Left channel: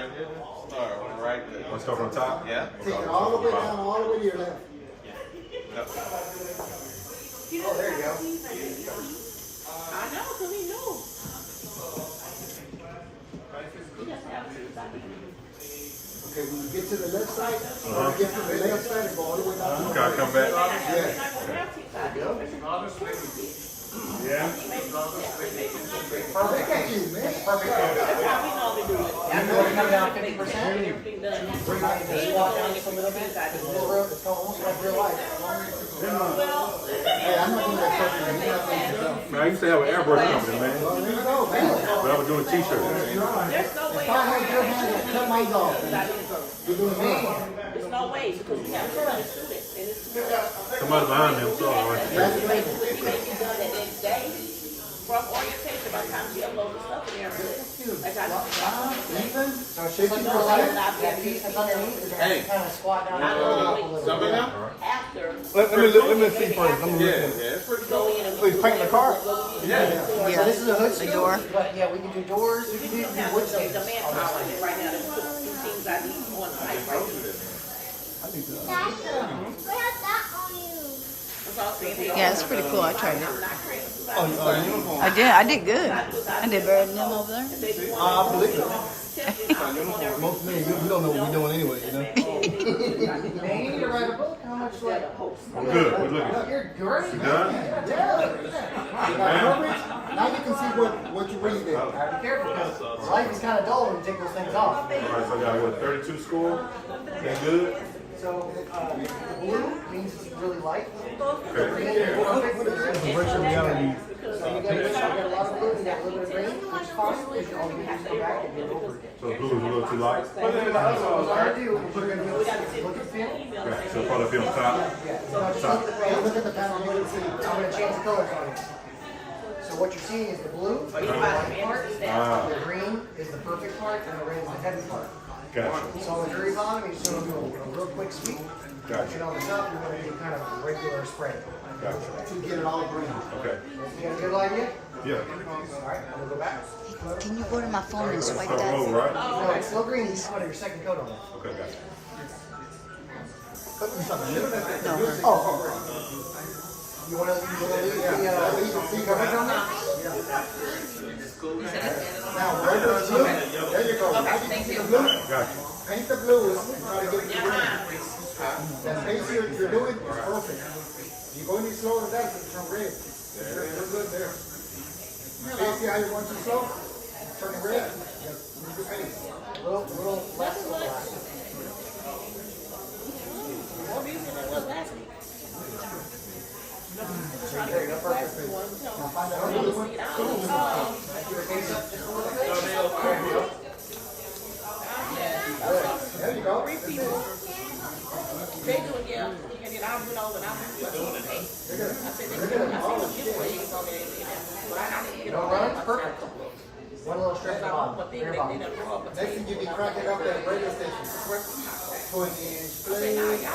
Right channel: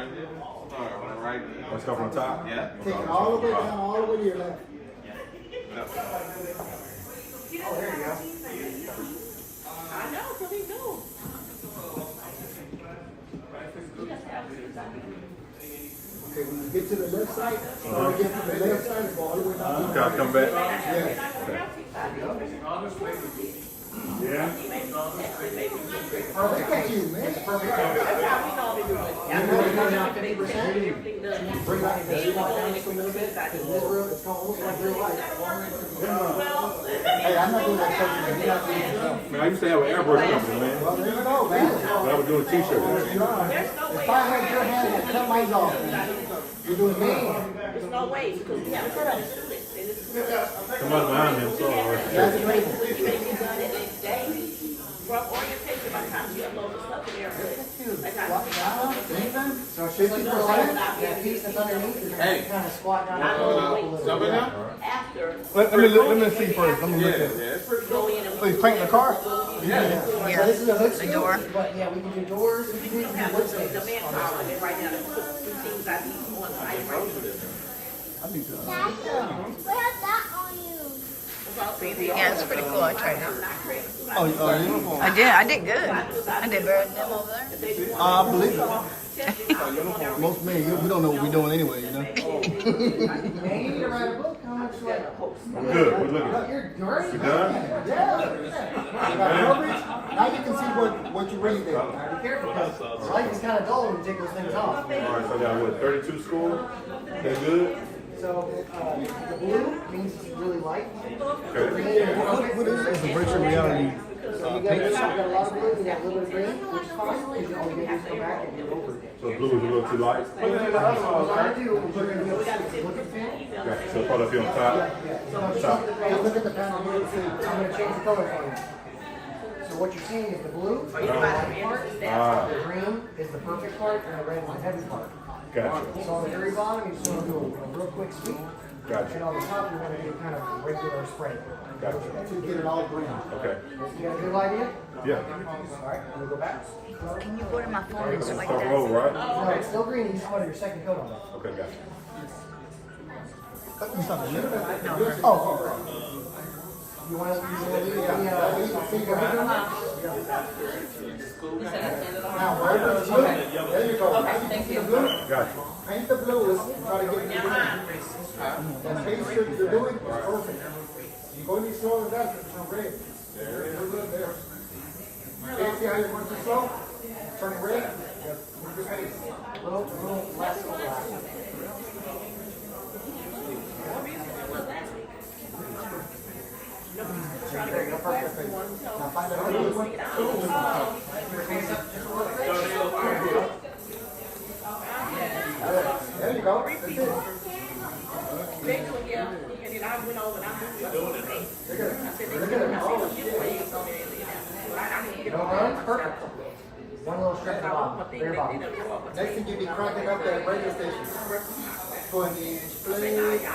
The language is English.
Right. Let's go from the top? Yeah. Take it all the way down, all the way to your left. Yep. Oh, there you go. I know, so he knew. Okay, when you get to the left side, get from the left side and go all the way down. Okay, I'll come back. Yeah. Yeah. Oh, look at you, man. Perfect. You know you're coming down 50%. Bring back the squat down just a little bit. Because this road is almost like real life. Hey, I'm not doing that perfect. You're not doing it yourself. Man, I used to have an airbrush company, man. Well, there you go, man. When I was doing t-shirts. If I had your hand and cut mine off, you're doing me. There's no way because we have to do it. And it's Somebody behind me, I'm sorry. That's the label. done the next day. From orientation, by the time you upload the stuff in there, like I Even? So it's just like the light. That piece that's underneath, you're going to kind of squat down and go up a little Some of bit. them? after Let me see first. Yeah, it's pretty go cool. in and Please paint the car. Yeah, so this is a hood seal, but yeah, we can do doors, we can do wood the stains. manpower right now. There's two things I need on site right now. Where's that on you? Yeah, it's pretty cool. I tried it out. Uniform. I did good. I did better than them over there. I believe it. Most men, we don't know what we're doing anyway, you know? Man, you need to write a book, how much like? I'm good. We're looking. You're great. You done? Now you can see what you really did. Gotta be careful, because life is kind of dull when you take those things off. All right, so I got what, 32 score? They good? So, the blue means it's really light. Okay. Green is perfect, and the red is perfect. So you got a lot of blue, you got a little bit of green, which is fine, because all you have to go back and get it over again. So blue is a little too light? What we're gonna do is you're gonna look at the pin. Okay, so put up here on top. So now just look at the panel, you can see, I'm gonna change the color for you. So what you're seeing is the blue is the light part, the green is the perfect part, and the red is the heavy part. Gotcha. So on the very bottom, you're just gonna do a real quick sweep. Gotcha. And on the top, you're gonna do kind of regular spray. Gotcha. To get it all green. Okay. You got a good idea? Yeah. Alright, I'm gonna go back. Can you go to my phone and swipe Start that? roll, right? No, it's still green, this is one of your second coat on it. Okay, gotcha. You wanna leave the coverage on that? Now, right there, blue. There you go. Now you can see the blue. Gotcha. Paint the blue and try to get it green. The pace you're doing is perfect. You go any slower than that, it's from red. We're good there. See how you want to slow? Turn red. Move your pace. Little less overlap. Perfect. Now find another one. There you go. That's it. You don't run it? Perfect. One little strip at the bottom, very bottom. Next thing you be cracking up that radio station. Going to display.